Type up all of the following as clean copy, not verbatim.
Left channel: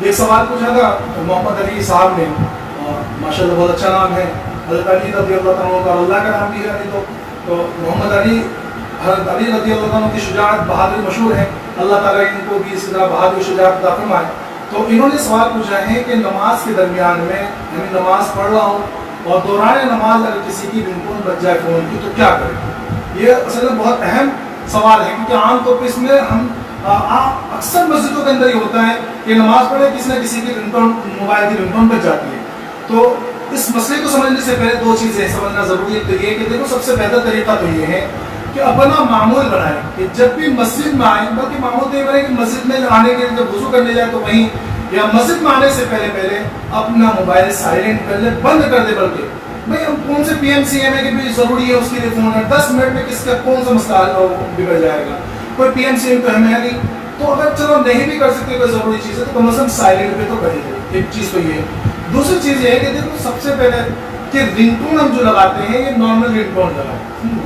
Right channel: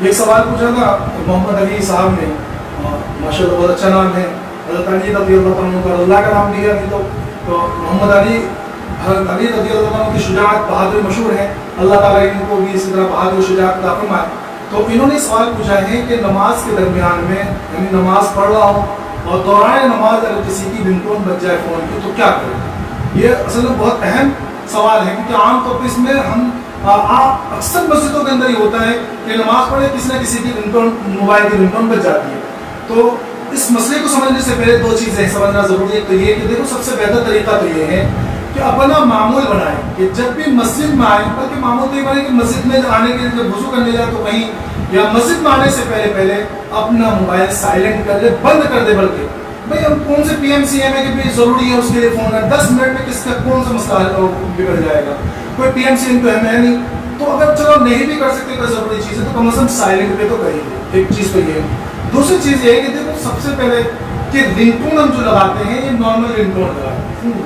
یہ ایک سوال پوچھا تھا محمد علی صاحب نے، ماشاءاللہ بہت اچھا نام ہے، حضرت علی رضی اللہ عنہ کا اللہ کا نام بھی ہے ابھی تو محمد علی، حضرت علی رضی اللہ عنہ کی شجاعت بہادری مشہور ہے، اللہ تعالیٰ ان کو بھی اسی طرح بہادری و شجاعت عطا فرمائے۔ تو انہوں نے سوال پوچھا ہے کہ نماز کے درمیان میں، یعنی نماز پڑھ رہا ہوں اور دوران نماز اگر کسی کی رنگ ٹون بج جائے فون کی تو کیا کرے؟ یہ اصل میں بہت اہم سوال ہے، کیونکہ عام طور پہ اس میں ہم اکثر مسجدوں کے اندر ہی ہوتا ہے کہ نماز پڑھے کسی نہ کسی کی رنگ ٹون، موبائل کی رنگ ٹون بج جاتی ہے۔ تو اس مسئلے کو سمجھنے سے پہلے دو چیزیں سمجھنا ضروری ہے۔ تو یہ کہ دیکھو سب سے بہتر طریقہ تو یہ ہے کہ اپنا معمول بنائیں کہ جب بھی مسجد میں آئیں، بلکہ معمول تو یہ بنائیں کہ مسجد میں آنے کے لیے جب وضو کرنے جائے تو وہیں یا مسجد میں آنے سے پہلے اپنا موبائل سائلنٹ کر لے، بند کر دے۔ بلکہ بھائی ہم کون سے پی ایم سی ایم ہے کہ بھی ضروری ہے اس کے لیے فون ہے، 10 منٹ میں کس کا کون سا مسئلہ بگڑ جائے گا، کوئی پی ایم سی ایم تو ہمیں ہے نہیں۔ تو اگر چلو نہیں بھی کر سکتے کوئی ضروری چیز ہے تو کم از کم سائلنٹ پہ تو کر ہی دے، ایک چیز تو یہ ہے۔ دوسری چیز یہ ہے کہ دیکھو سب سے پہلے کہ رنگ ٹون ہم جو لگاتے ہیں یہ نارمل رنگ ٹون لگائیں،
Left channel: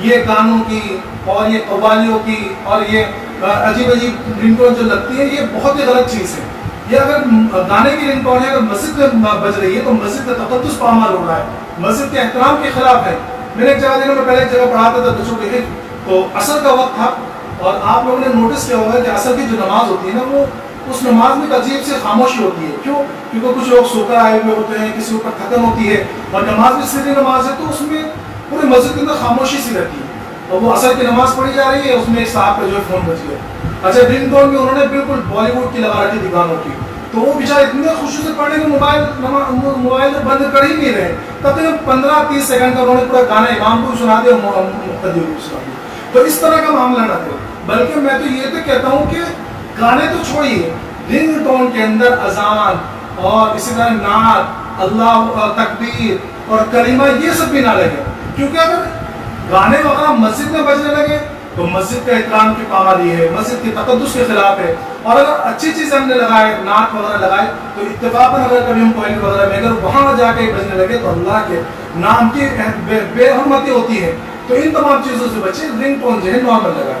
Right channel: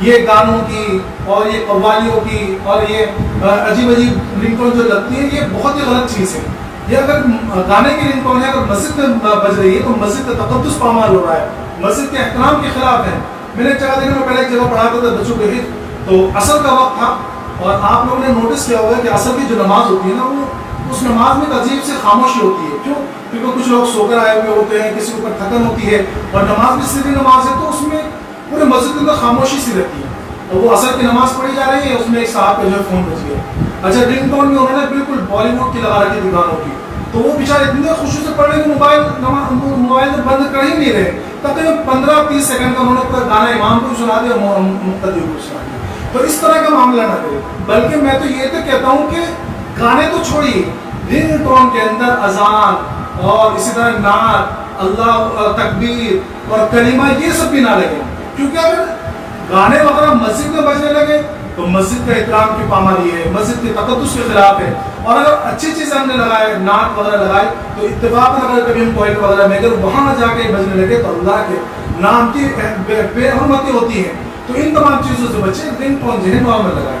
یہ گانوں کی اور یہ قوالیوں کی اور یہ عجیب رنگ ٹون جو لگتی ہے یہ بہت ہی غلط چیز ہے۔ یہ اگر گانے کی رنگ ٹون ہے، اگر مسجد میں بج رہی ہے تو مسجد کا تقدس پامال ہو رہا ہے، مسجد کے احترام کے خلاف ہے۔ میں نے ایک جگہ دنوں میں پہلے ایک جگہ پڑھاتا تھا بچوں کے حفظ، تو عصر کا وقت تھا اور آپ لوگوں نے نوٹس کیا ہوگا کہ عصر کی جو نماز ہوتی ہے نا، وہ اس نماز میں ایک عجیب سی خاموشی ہوتی ہے۔ کیوں؟ کیونکہ کچھ لوگ سو کر آئے ہوئے ہوتے ہیں، کسی اوپر تھکن ہوتی ہے، اور نماز بھی سیدھی نماز ہے تو اس میں پورے مسجد کے اندر خاموشی سی رہتی ہے، اور وہ عصر کی نماز پڑھی جا رہی ہے، اس میں ایک صاحب کا جو ہے فون بج گیا۔ اچھا رنگ ٹون میں انہوں نے بالکل بالی ووڈ کی لگا رکھی تھی گانوں کی، تو وہ بیچارے اتنے خوشی سے پڑھ رہے کہ موبائل بند کر ہی نہیں رہے، تقریباً 15-30 سیکنڈ کا انہوں نے پورا گانا امام کو بھی سنا دیا اور مقتدیوں کو بھی سنا دیا۔ تو اس طرح کا معاملہ نہ کرے، بلکہ میں تو یہ تو کہتا ہوں کہ گانے تو چھوڑیے، رنگ ٹون کے اندر اذان اور اسی طرح نعت، اللہ تکبیر اور کلمہ یہ سب بھی نہ لگے، کیونکہ اگر گانے وغیرہ مسجد میں بجنے لگے تو مسجد کا احترام کی پامالی ہے، مسجد کے تقدس کے خلاف ہے۔ اور اگر اچھی چیزیں ہم نے لگائے، نعت وغیرہ لگائے، تو اتفاقاً اگر کبھی ہم ٹوائلٹ وغیرہ میں اگر وہاں جا کے بجنے لگے تو اللہ کے نام کی بے حرمتی ہوتی ہے۔ تو ان تمام چیزوں سے بچے، رنگ ٹون جو ہے نارمل لگائے۔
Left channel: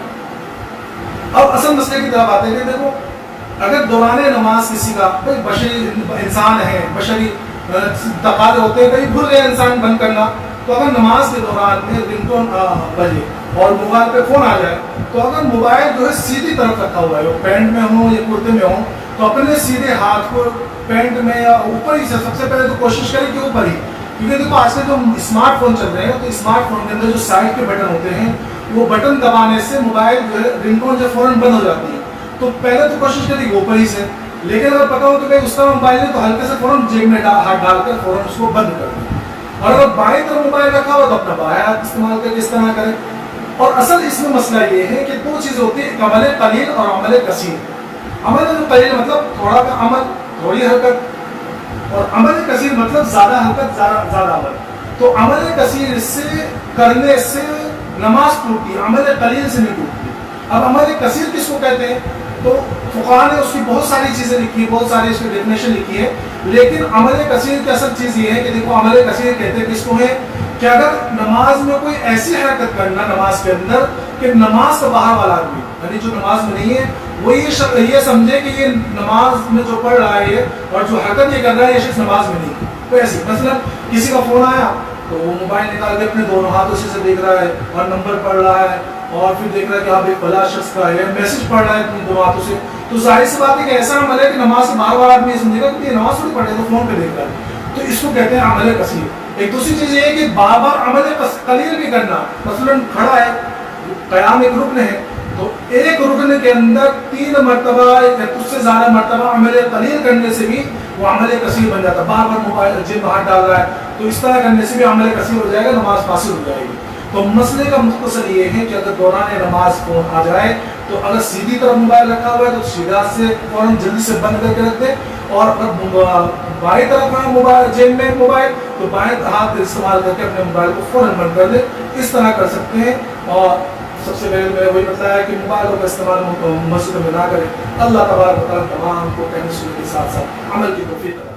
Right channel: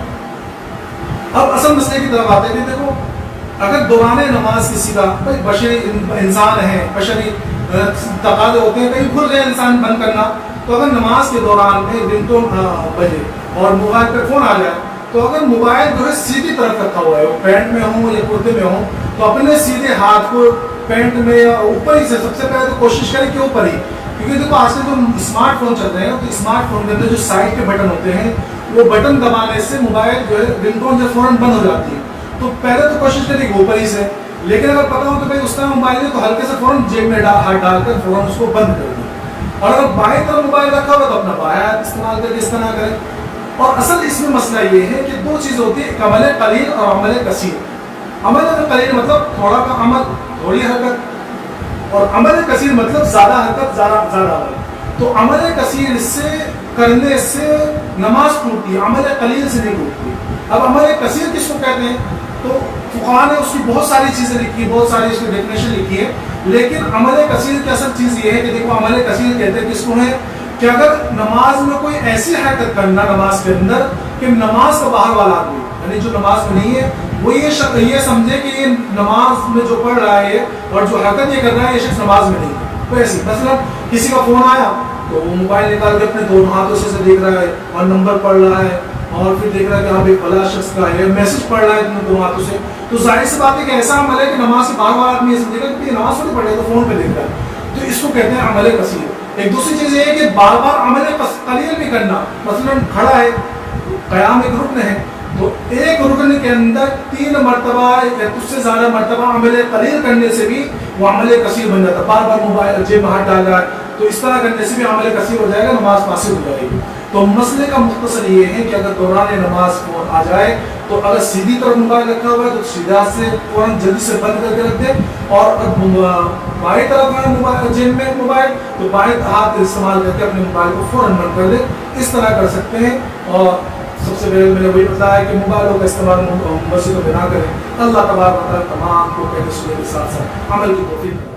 اب اصل مسئلے کی طرف آتے ہیں کہ دیکھو اگر دوران نماز کسی کا، بھائی بشری انسان ہے، بشری تقاضے ہوتے ہیں، کہیں بھول گئے انسان بند کرنا، تو اگر نماز کے دوران میں رنگ ٹون بجے اور موبائل پہ فون آ جائے تو اگر موبائل جو ہے سیدھی طرف رکھا ہوا ہے، پینٹ میں ہوں یا کرتے میں ہوں، تو اپنے سیدھے ہاتھ کو پینٹ میں یا اوپر ہی سے سب سے پہلے تو کوشش کریں کہ اوپر ہی، کیونکہ دیکھو آج کل جو اسمارٹ فون چل رہے ہیں تو اسمارٹ فون کے اندر جو سائڈ کے بٹن ہوتے ہیں وہ بٹن دبانے سے موبائل جو ہے رنگ ٹون جو فوراً بند ہو جاتی ہے۔ تو پہلے تو کوشش کریں کہ اوپر ہی سے، لیکن اگر پتا ہو کہ بھائی اس طرح موبائل ہے تو ہلکے سے فوراً جیب میں ہاتھ ڈال کر فوراً اس کو بند کر دیں، اور اگر بائیں طرف موبائل رکھا ہوا تو اپنا بائیں ہاتھ استعمال کر کے اس طرح کریں۔ اور اصل اس میں مسئلہ یہ ہے کہ دو چیزیں ہوتی ہیں، ایک عمل قلیل اور عمل کثیر۔ عمل قلیل مطلب تھوڑا کا عمل، تھوڑی حرکت، اور عمل کثیر مطلب زیادہ حرکت، زیادہ عمل۔ تو عمل کثیر سے کرنے سے نماز ٹوٹتی ہے، عمل قلیل سے نہیں ٹوٹتی۔ اب عمل کثیر کس کو کہتے ہیں؟ تو فقہاء نے اس کی بہت ساری چیزیں لکھی، بہت ساری اس کی ڈیفینیشن لکھی ہے، لیکن عمل کثیر کی اصل چیز یہ ہے کہ دیکھو عمل کثیر کہتے ہیں کس کو ہے کہ اگر نماز میں کوئی ایسی حرکت کرنا نماز کے اندر کہ نماز کا باہر والا آدمی، یعنی جو نماز میں نہیں ہے، وہ یہ سمجھے کہ یہ نماز میں جو پڑھ رہا ہے اور جو حرکت یہ کر رہا ہے یہ شخص نماز میں نہیں ہے۔ تو ایسی مثلا کسی کا فون آیا تو وہ موبائل نکال کے اپنے دونوں ہاتھوں سے دیکھ رہا ہے اور نمبر پڑھ رہا ہے اور پھر دیکھ رہا ہے کہ آپ ایک فلاں شخص کا ہے، میسج پڑھ رہا ہے اپنے دونوں ہاتھوں سے، تو ظاہر سی بات ہے کہ ایسا عمل ہے کہ نماز سے باہر والا آدمی یہ سمجھے گا کہ یہ نماز تھوڑی پڑھ رہا ہے، تو فون پہ دیکھ رہا ہے۔ تو اس کو کہتے ہیں عمل کثیر۔ ایک دوسری چیز یہ ہے کہ بار بار عمل قلیل بھی کرنا، مثلا کھڑا ہے، قیام ایک رکن ہے، تو ایک رکن کے اندر 3 مرتبہ یا کچھ سے زیادہ مرتبہ عمل قلیل کرنے سے بھی وہ عمل کثیر بن جاتا ہے۔ بار بار موبائل جیب میں ہاتھ ڈال رہا ہے تو اس طرح کرنے سے بھی عمل کثیر ہو جائے گا، نماز فاسد ہو جائے گی۔ تو مسئلے کا مختصر یہ ہے کہ اگر دوران نماز فون آ جائے تو اگر سیدھی طرف موبائل رکھا ہوا ہے تو سیدھا سے فوراً جلدی سے بند کر کے رکھ دے، اور اگر بائیں طرف ہے موبائل جیب میں موبائل تو بائیں ہاتھ استعمال کر کے اپنے موبائل کو فوراً بند کر دے۔ اس طرح کر سکتے ہیں۔ اور سب سے پہلے میں نے وہی بتایا کہ موبائلوں کا استعمال مسجدوں میں نہ کریں۔ اللہ تبارک و تعالیٰ تمام کو کہنے سننے کے ساتھ ساتھ عمل کی توفیق